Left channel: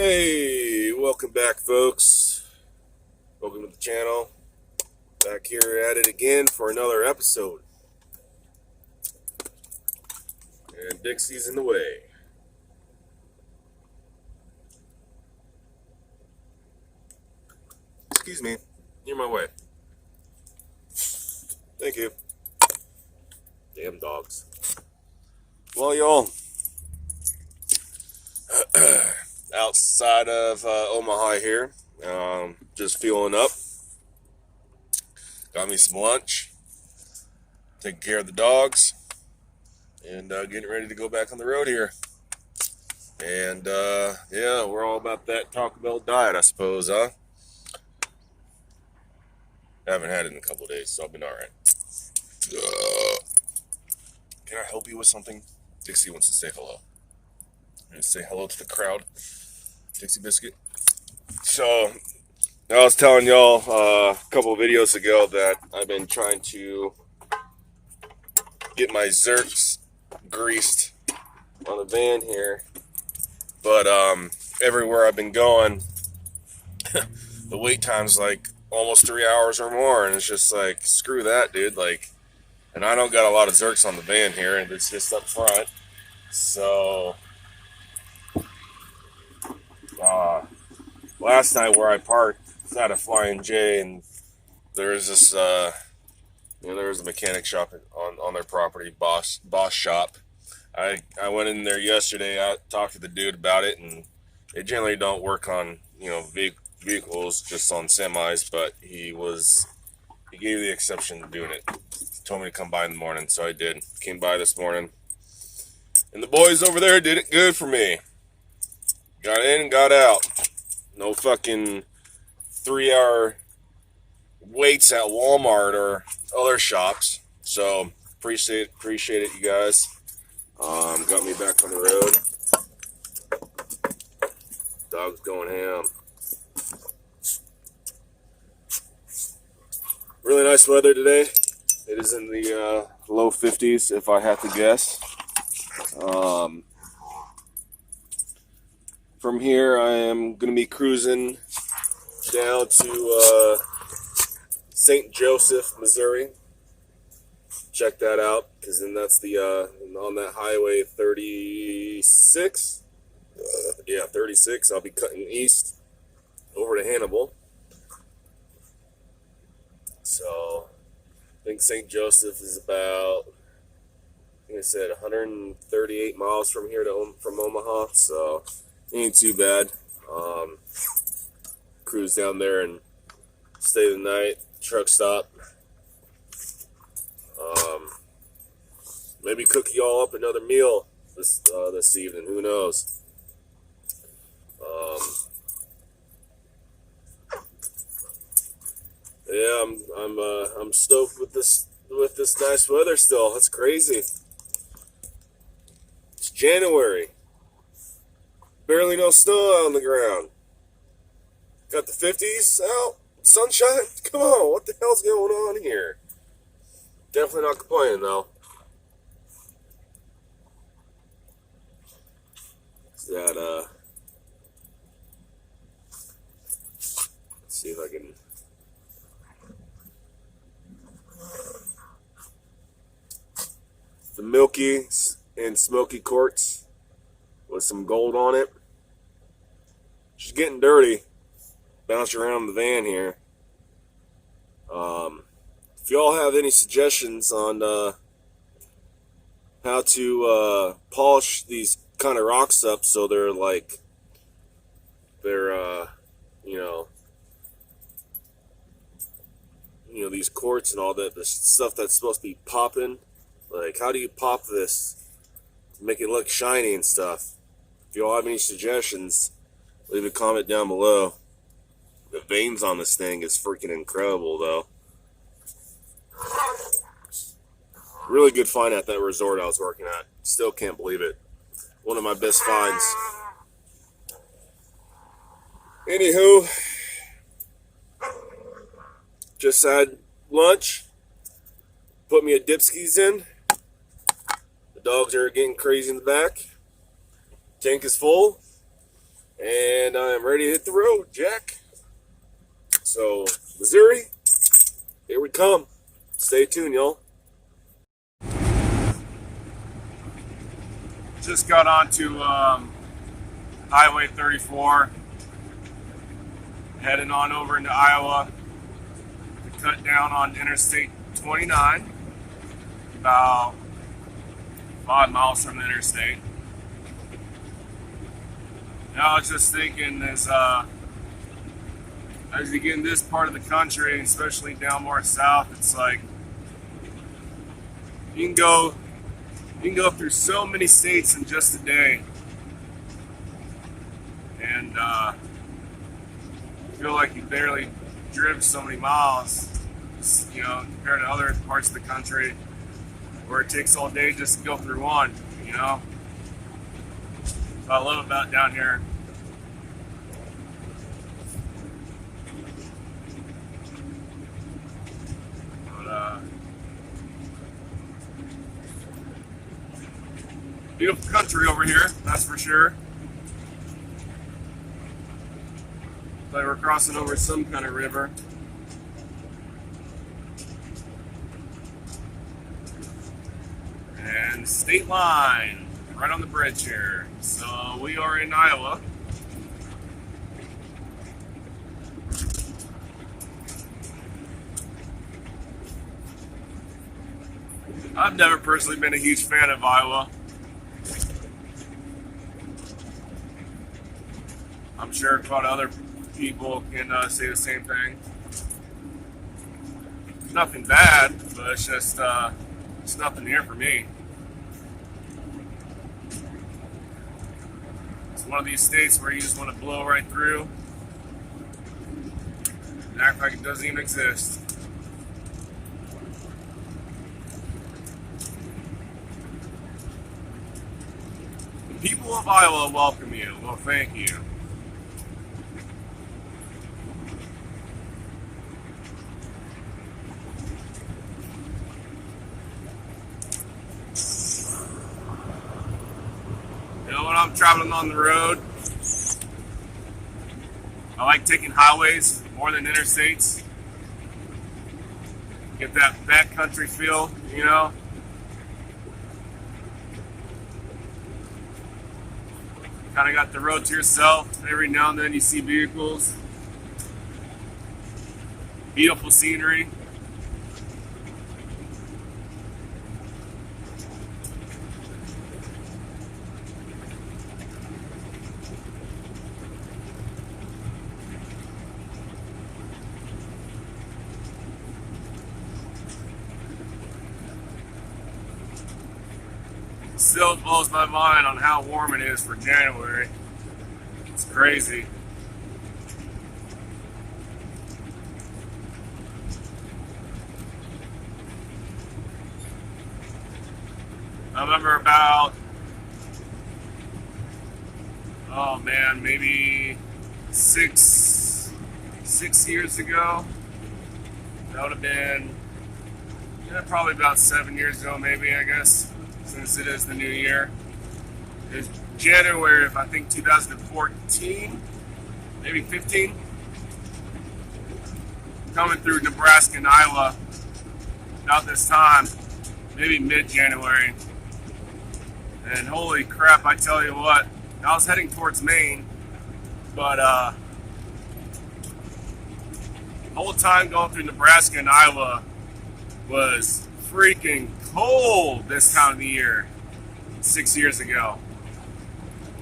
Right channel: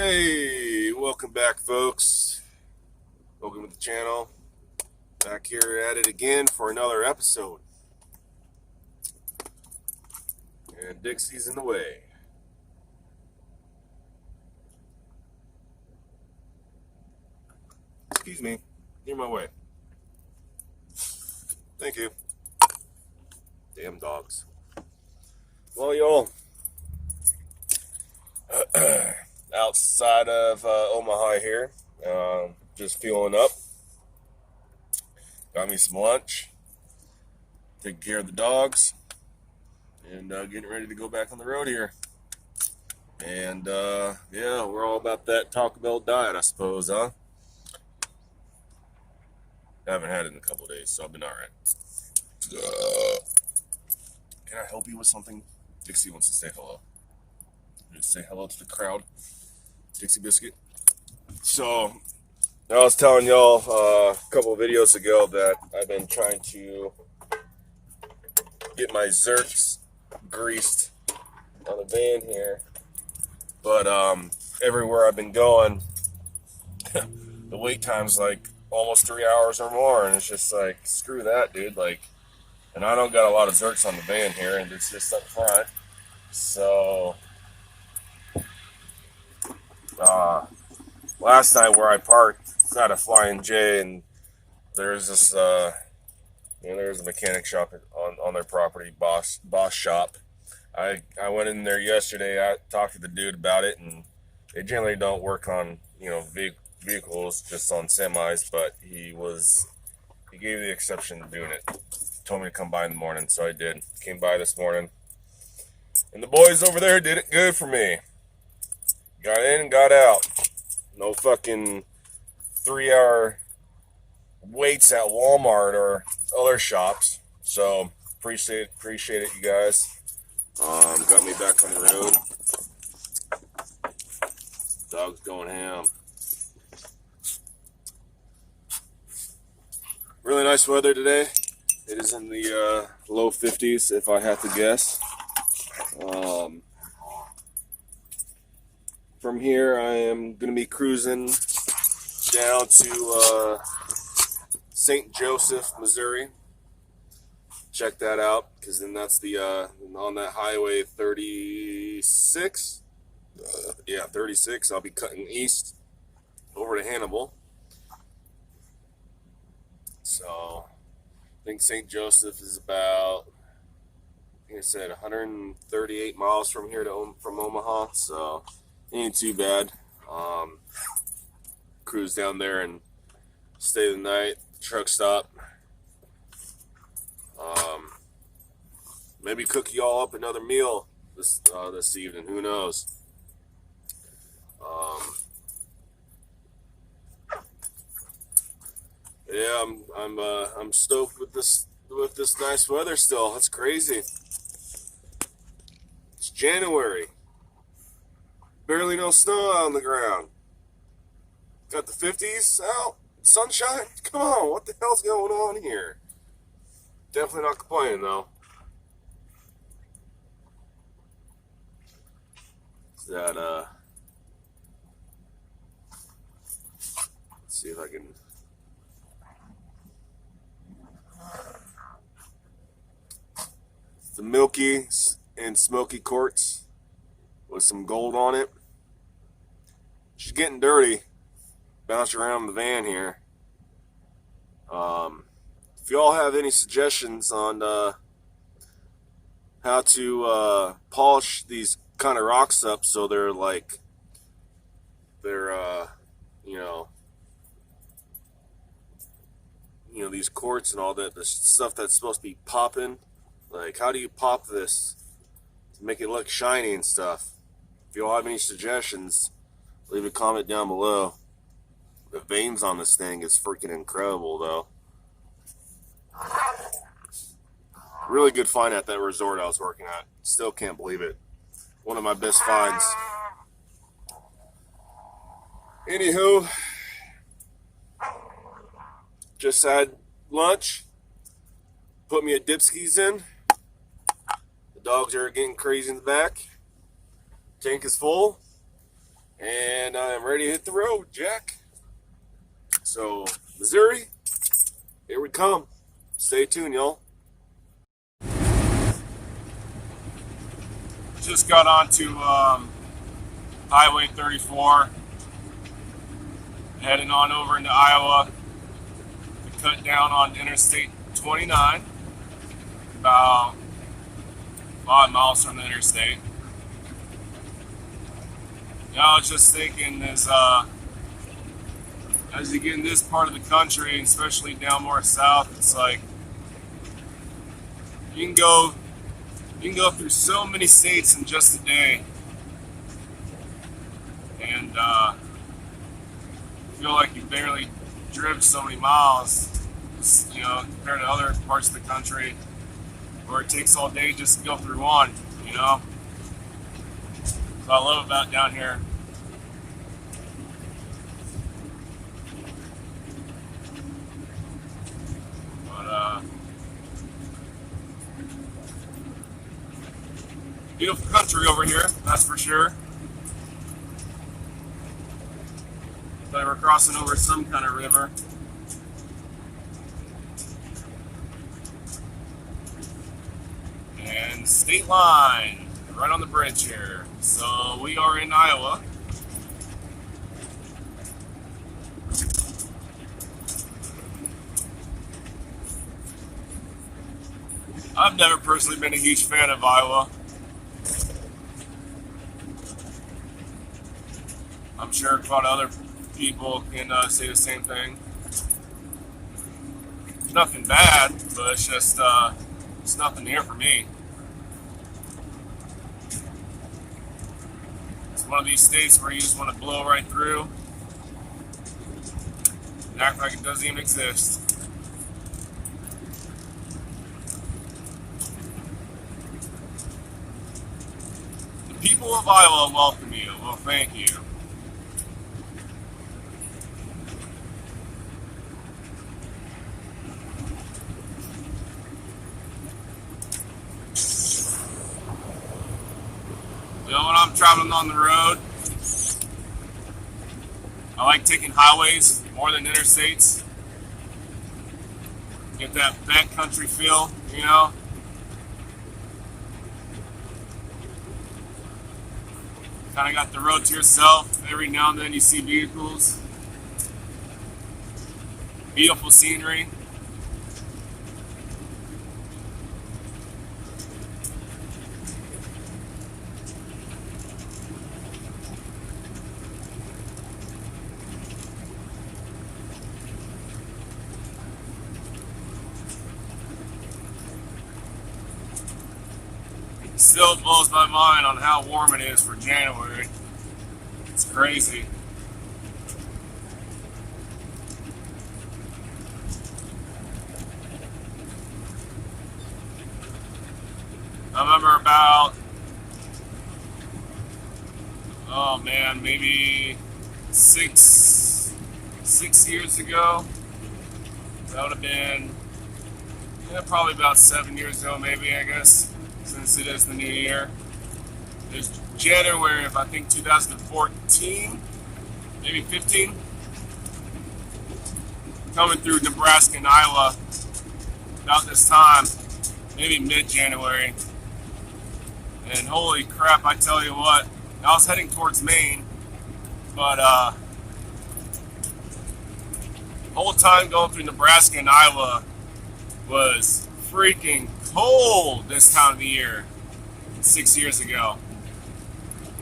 Hey, welcome back, folks. Welcome to the channel. Back here at it again for another episode. And Dixie's in the way. Excuse me. You're in my way. Thank you. Damn dogs. Well, y'all. Outside of Omaha here. Just fueling up. Got me some lunch. Taking care of the dogs. And getting ready to go back on the road here. And yeah, we're all about that Taco Bell diet, I suppose, huh? I haven't had it in a couple of days, so I've been alright. Can I help you with something? Dixie wants to say hello. Say hello to the crowd. Dixie Biscuit. So, I was telling y'all a couple of videos ago that I've been trying to get my Zerks greased on the van here. But everywhere I've been going, the wait time's like almost 3 hours or more, and it's just like, screw that, dude. Like, and I don't got a lot of Zerks on the van here, and it's just up front. So last night where I parked, it's at a Flying J, and there's this there's a mechanic shop on their property, Boss Shop. I went in there yesterday. I talked to the dude about it, and they generally don't work on vehicles, just on semis, but he gave the exception to doing it. He told me to come by in the morning, so I did. Came by this morning, and the boys over there did it good for me. Got in and got out. No fucking 3-hour waits at Walmart or other shops. So appreciate it, you guys. Got me back on the road. Dog's going ham. Really nice weather today. It is in the low 50s, if I had to guess. From here, I am going to be cruising down to St. Joseph, Missouri. Check that out, because then that's the on that highway 36. 36. I'll be cutting east over to Hannibal. So I think St. Joseph is about, I think I said 138 miles from here from Omaha. So ain't too bad. Cruise down there and stay the night. Truck stop. Maybe cook y'all up another meal this evening. Who knows? Yeah, I'm stoked with this nice weather still. That's crazy. It's January. Barely no snow out on the ground. Got the 50s out. Sunshine. Come on, what the hell's going on here? Definitely not complaining though. That let's see if I can. The milky and smoky quartz with some gold on it. She's getting dirty. Bounce around the van here. If y'all have any suggestions on how to polish these kind of rocks up so they're these quartz and all that, the stuff that's supposed to be popping, like how do you pop this to make it look shiny and stuff? If y'all have any suggestions, leave a comment down below. The veins on this thing is freaking incredible though. Really good find at that resort I was working at. Still can't believe it. One of my best finds. Anywho, just had lunch. Put me a dipskis in. The dogs are getting crazy in the back. Tank is full. And I'm ready to hit the road, Jack. So, Missouri, here we come. Stay tuned, y'all. Just got onto Highway 34, heading on over into Iowa to cut down on Interstate 29, about 5 miles from the interstate. Now I was just thinking, as you get in this part of the country, especially down more south, it's like you can go through so many states in just a day, and feel like you barely driven so many miles, compared to other parts of the country where it takes all day just to go through one. What I love about down here. Beautiful country over here, that's for sure. But we're crossing over some kind of river. And state line, right on the bridge here. So we are in Iowa. I've never personally been a huge fan of Iowa. I'm sure a lot of other people can say the same thing. Nothing bad, but it's just it's nothing here for me. It's one of these states where you just want to blow right through and act like it doesn't even exist. The people of Iowa welcome you. Well, thank you. When I'm traveling on the road, I like taking highways more than interstates. Get that backcountry feel, Kind of got the road to yourself. Every now and then you see vehicles. Beautiful scenery. Still blows my mind on how warm it is for January. It's crazy. I remember about, maybe six years ago. That would have been probably about 7 years ago, maybe, I guess. Since it is the new year. It was January of, I think, 2014, maybe 15. Coming through Nebraska and Iowa about this time, maybe mid-January. And holy crap, I tell you what, I was heading towards Maine, but the whole time going through Nebraska and Iowa was freaking cold this time of the year 6 years ago.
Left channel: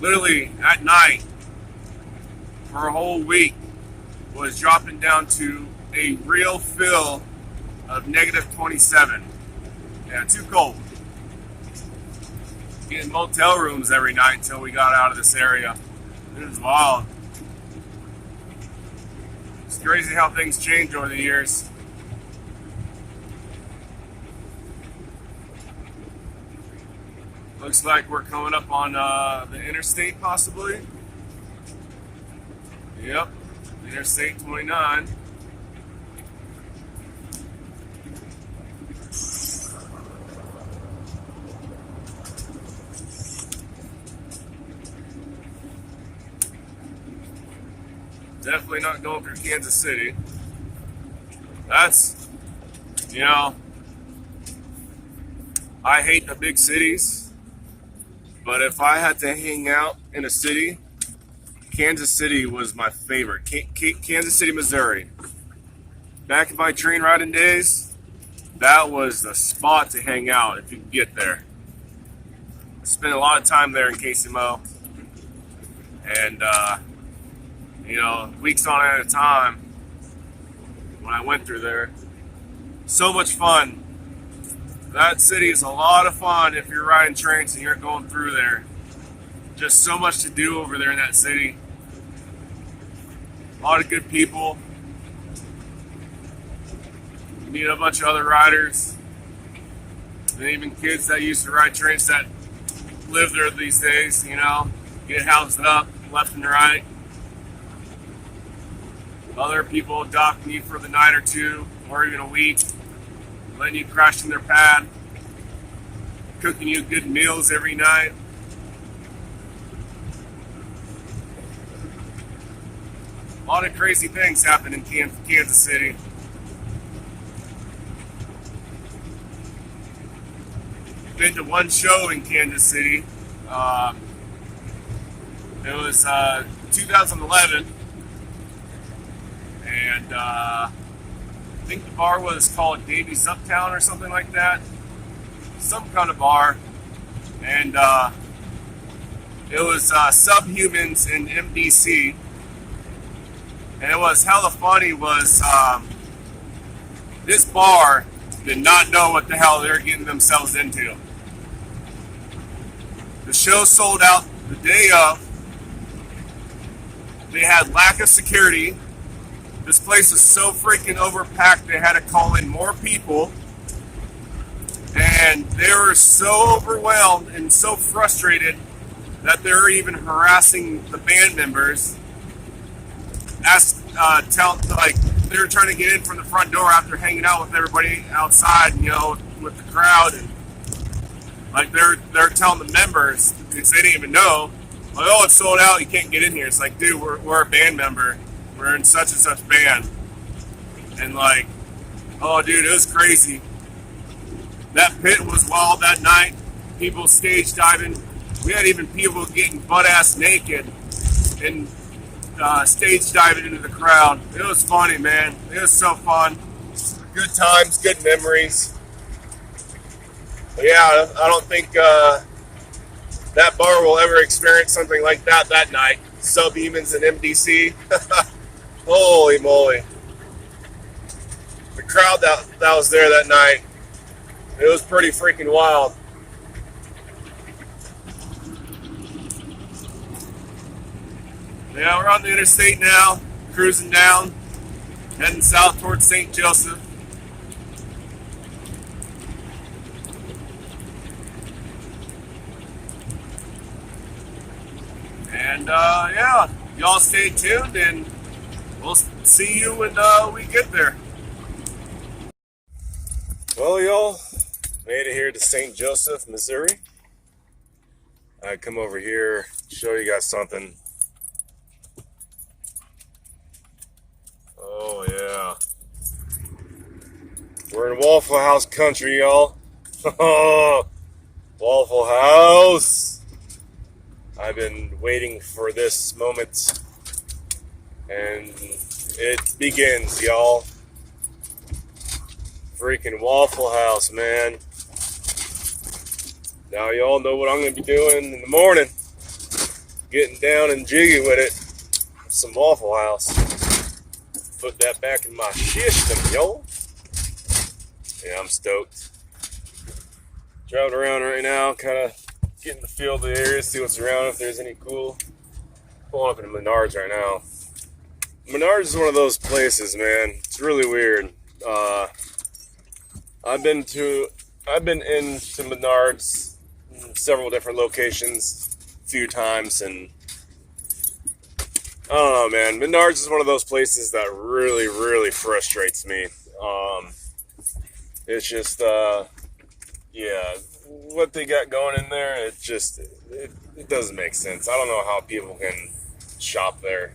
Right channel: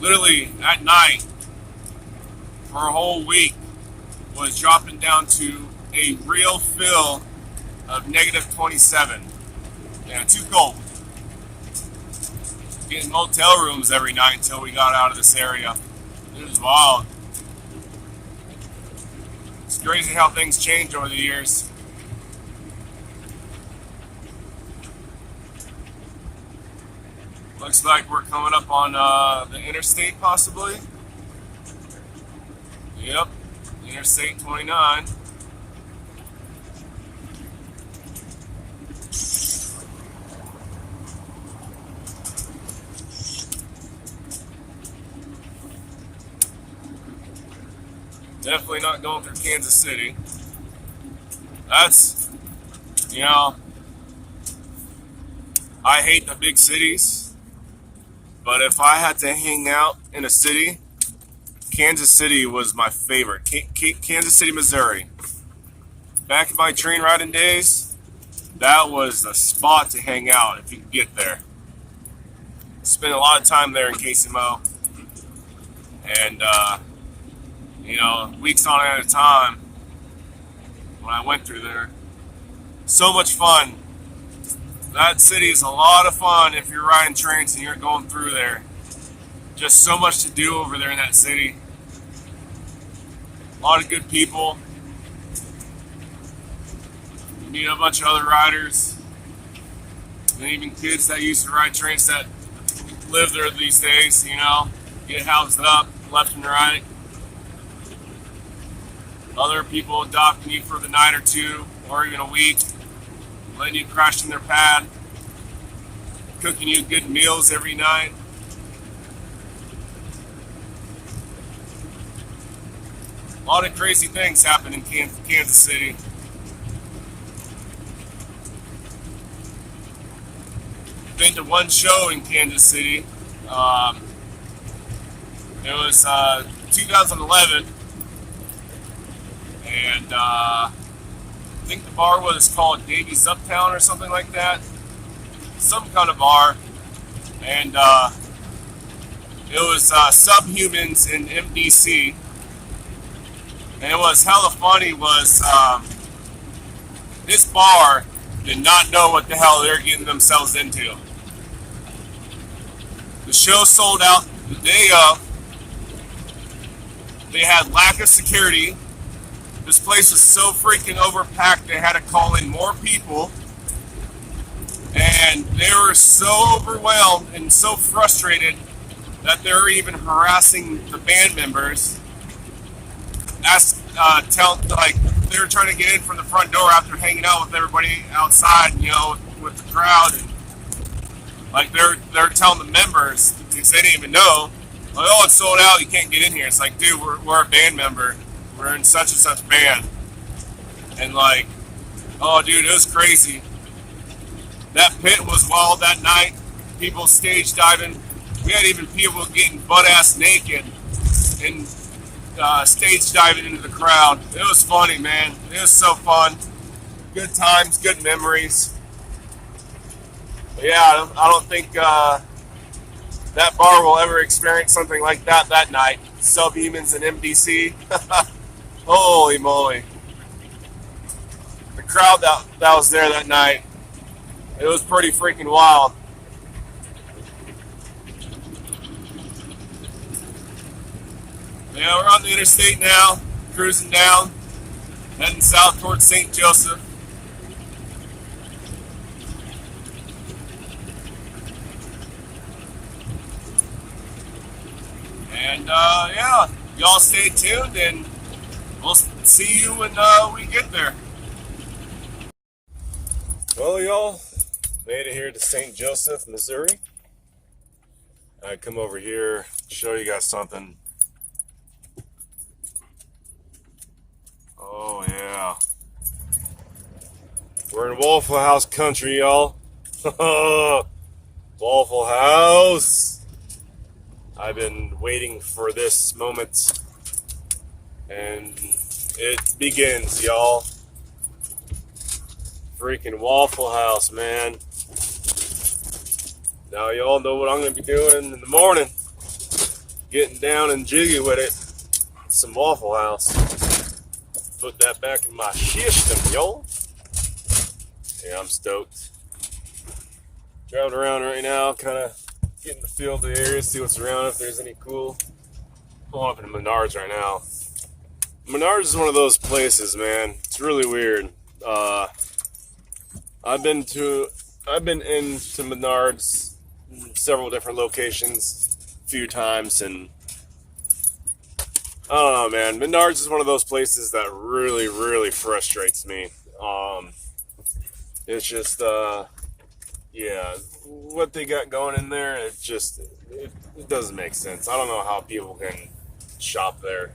Literally at night for a whole week was dropping down to a real feel of negative 27. Yeah, too cold. Getting motel rooms every night until we got out of this area. It was wild. It's crazy how things change over the years. Looks like we're coming up on the interstate, possibly. Yep, Interstate 29. Definitely not going through Kansas City. That's, you know, I hate the big cities, but if I had to hang out in a city, Kansas City was my favorite. Kansas City, Missouri. Back in my train riding days, that was the spot to hang out if you could get there. I spent a lot of time there in KCMO, and weeks on at a time when I went through there. So much fun. That city is a lot of fun if you're riding trains and you're going through there. Just so much to do over there in that city. A lot of good people. You meet a bunch of other riders. And even kids that used to ride trains that live there these days, get housed up left and right. Other people adopting you for the night or two, or even a week, letting you crash in their pad, cooking you good meals every night. A lot of crazy things happen in Kansas City. Been to one show in Kansas City. It was 2011, and I think the bar was called Davies Uptown or something like that. Some kind of bar, and it was Subhumans in MDC. And it was hella funny was this bar did not know what the hell they were getting themselves into. The show sold out the day of. They had lack of security. This place was so freaking overpacked they had to call in more people. And they were so overwhelmed and so frustrated that they were even harassing the band members. They were trying to get in from the front door after hanging out with everybody outside, with the crowd, and like they're telling the members because they didn't even know, like, oh, it's sold out, you can't get in here. It's like, dude, we're a band member, we're in such and such band, and like, oh, dude, it was crazy. That pit was wild that night. People stage diving. We had even people getting butt ass naked and stage diving into the crowd. It was funny, man. It was so fun. Good times, good memories. But yeah, I don't think that bar will ever experience something like that night. Subhumans in MDC. Holy moly. The crowd that was there that night, it was pretty freaking wild. Yeah, we're on the interstate now, cruising down, heading south towards St. Joseph. And yeah, y'all stay tuned and we'll see you when we get there. Well, y'all, made it here to St. Joseph, Missouri. I come over here to show you guys something. Oh, yeah. We're in Waffle House country, y'all. Waffle House. I've been waiting for this moment. And it begins, y'all. Freaking Waffle House, man. Now, y'all know what I'm going to be doing in the morning. Getting down and jiggy with it. Some Waffle House. Put that back in my system, y'all. Yeah, I'm stoked. Driving around right now, kind of getting the feel of the area, see what's around, if there's any cool. Pulling up in Menards right now. Menards is one of those places, man. It's really weird. I've been into Menards in several different locations a few times, and I don't know, man. Menards is one of those places that really, really frustrates me. It's just, yeah, what they got going in there, it doesn't make sense. I don't know how people can shop there.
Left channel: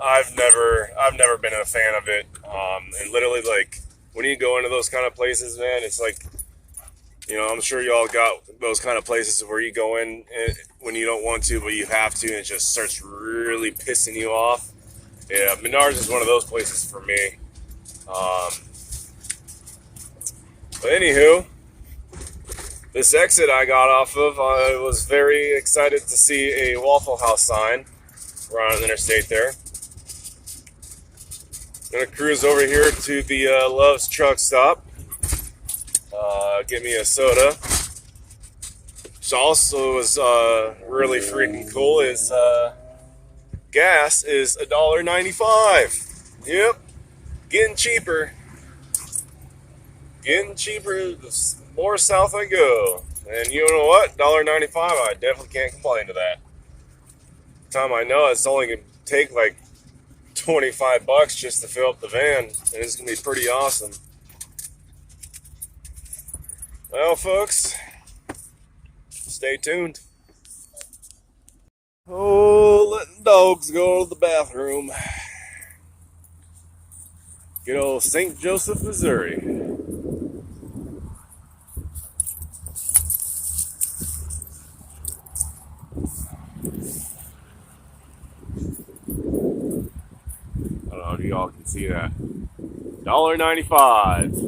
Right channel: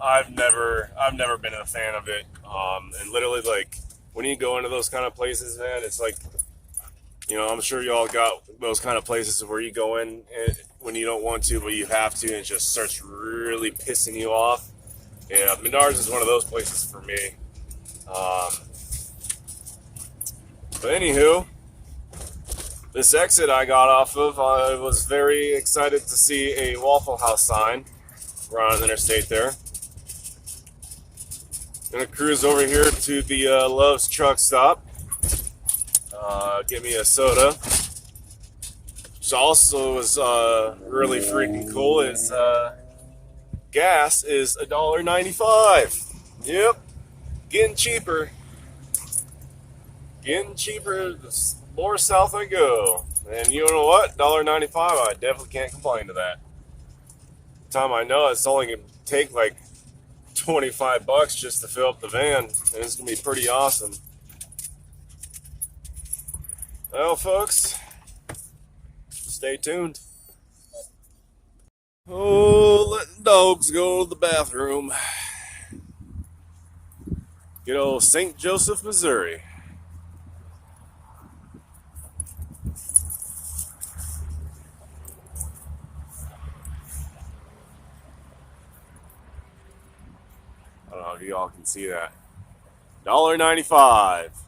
I've never been a fan of it. And literally, like, when you go into those kind of places, man, it's like, I'm sure y'all got those kind of places where you go in when you don't want to, but you have to, and it just starts really pissing you off. Yeah, Menards is one of those places for me. But anywho, this exit I got off of, I was very excited to see a Waffle House sign right on the interstate there. Gonna cruise over here to the Love's truck stop. Get me a soda. Which also is really freaking cool is gas is $1.95. Yep, getting cheaper. Getting cheaper the more south I go. And you know what? $1.95, I definitely can't complain to that. Time I know it's only gonna take like $25 just to fill up the van, and it's gonna be pretty awesome. Well, folks, stay tuned. Oh, letting dogs go to the bathroom. Good old St. Joseph, Missouri. I don't know if y'all can see that. $1.95.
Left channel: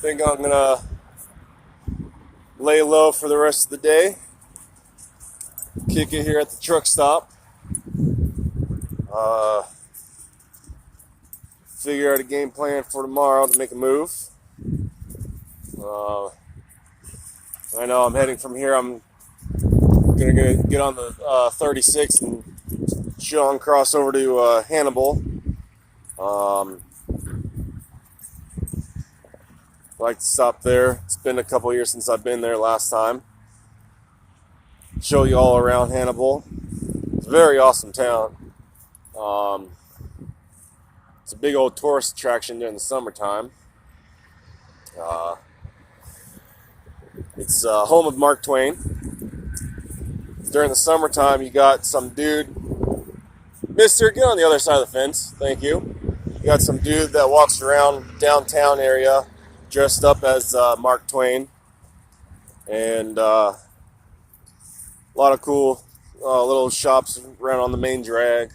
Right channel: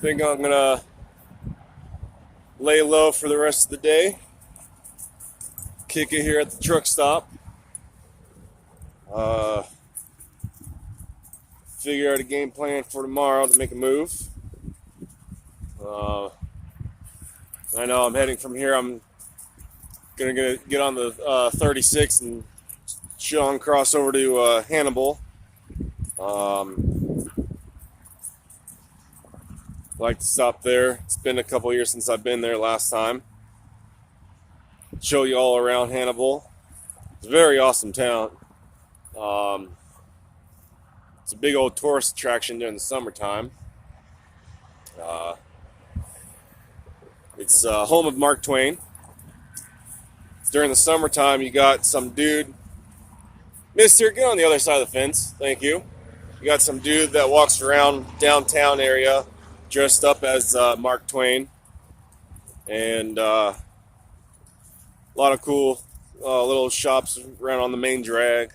Think I'm gonna lay low for the rest of the day. Kick it here at the truck stop. Figure out a game plan for tomorrow to make a move. I know I'm heading from here. I'm gonna get on the 36 and Sean cross over to Hannibal. Like to stop there. It's been a couple years since I've been there last time. Show you all around Hannibal. It's a very awesome town. It's a big old tourist attraction during the summertime. It's home of Mark Twain. During the summertime, you got some dude. Mister, get on the other side of the fence. Thank you. You got some dude that walks around downtown area dressed up as Mark Twain. And a lot of cool little shops around on the main drag.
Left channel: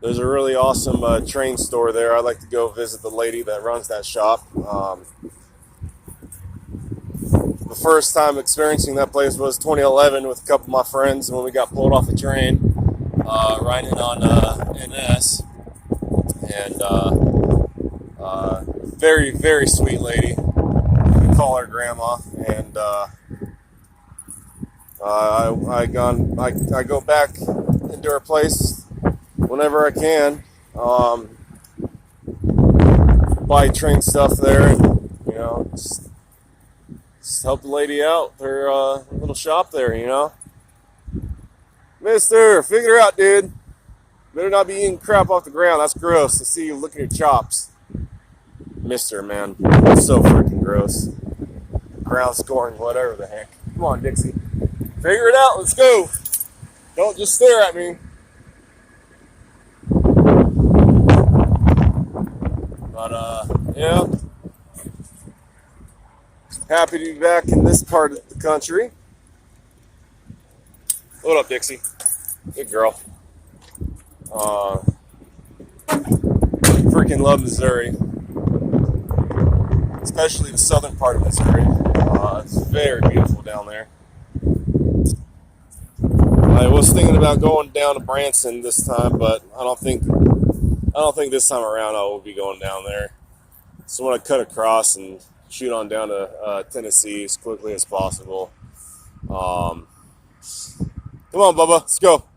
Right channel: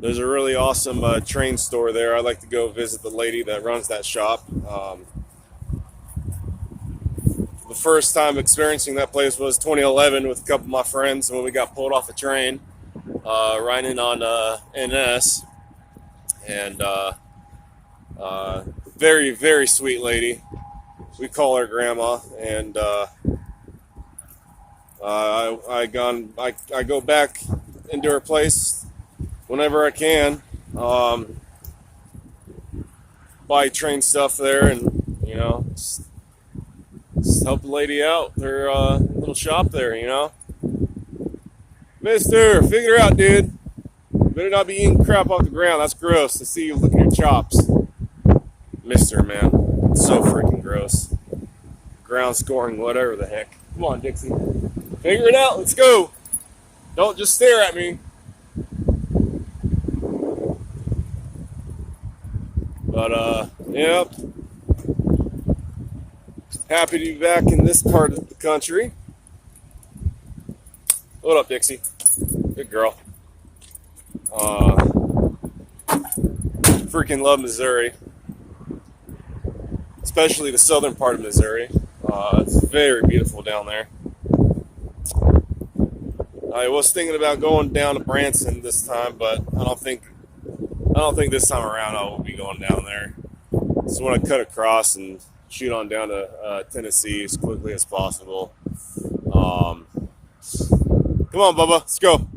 There's a really awesome train store there. I'd like to go visit the lady that runs that shop. The first time experiencing that place was 2011 with a couple of my friends when we got pulled off the train, riding on NS. And very, very sweet lady. We call her Grandma. And I go back into her place whenever I can. Buy train stuff there, and just help the lady out. Her little shop there, Mister, figure it out, dude. Better not be eating crap off the ground. That's gross. I see you licking your chops. Mister, man. That's so freaking gross. Ground scoring, whatever the heck. Come on, Dixie. Figure it out. Let's go. Don't just stare at me. But, yeah. Happy to be back in this part of the country. What up, Dixie? Good girl. Freaking love Missouri. Especially the southern part of Missouri. It's very beautiful down there. I was thinking about going down to Branson this time, but I don't think this time around I will be going down there. So I want to cut across and shoot on down to Tennessee as quickly as possible. Come on, Bubba, let's go.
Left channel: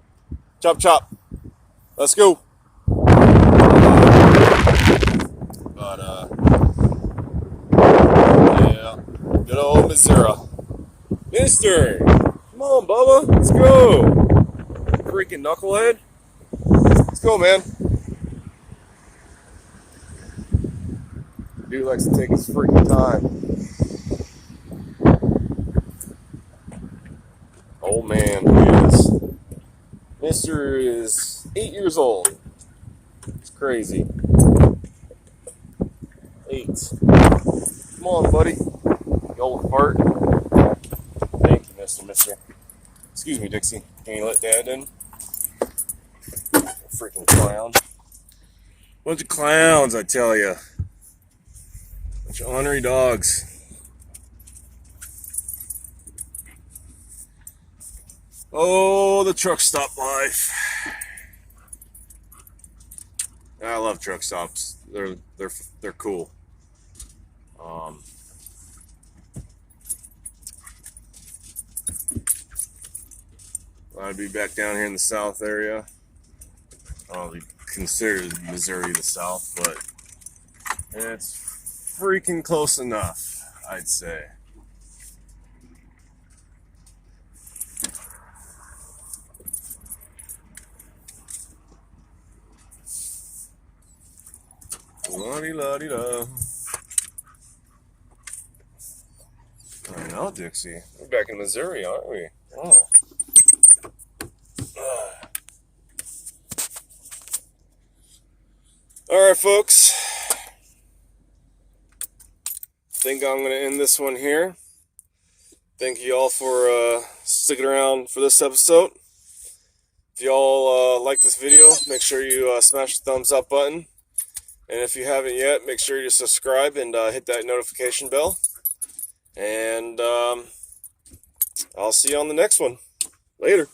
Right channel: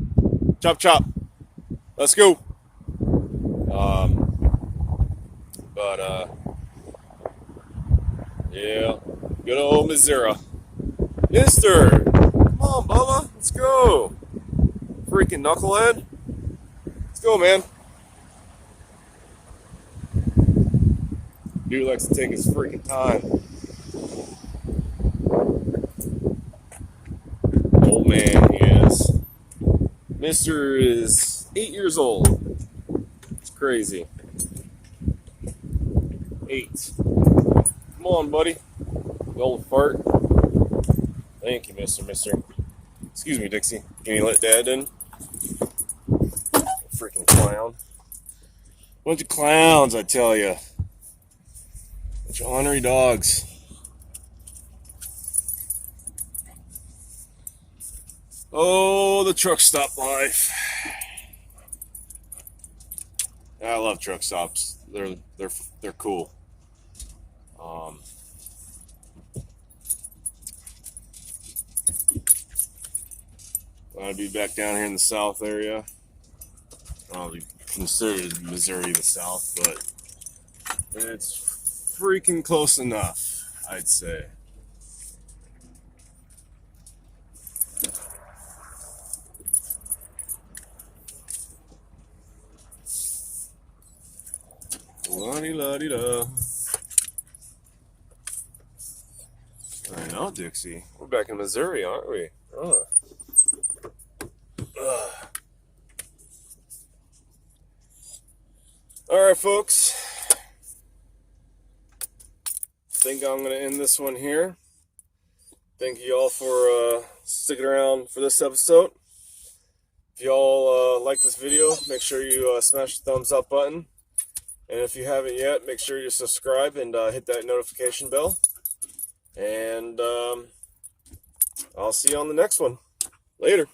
Chop, chop. Let's go. Yeah, good old Missouri. Mister, come on, Bubba, let's go. Freaking knucklehead. Let's go, man. Dude likes to take his freaking time. old man he is. Mister is 8 years old. It's crazy. 8. Come on, buddy. You old fart. Thank you, mister. Excuse me, Dixie. Can you let Dad in? Freaking clown. Bunch of clowns, I tell you. Bunch of ornery dogs. Oh, the truck stop life. I love truck stops. They're cool. I'd be back down here in the South area. I'll be considered Missouri the South, but it's freaking close enough, I'd say. La-di-la-di-da. I know, Dixie. We're back in Missouri, aren't we? Alright, folks. I think I'm going to end this one here. Thank you all for sticking around for this episode. If y'all like this video, make sure you smash the thumbs up button. And if you haven't yet, make sure you subscribe and hit that notification bell. And I'll see you on the next one. Later.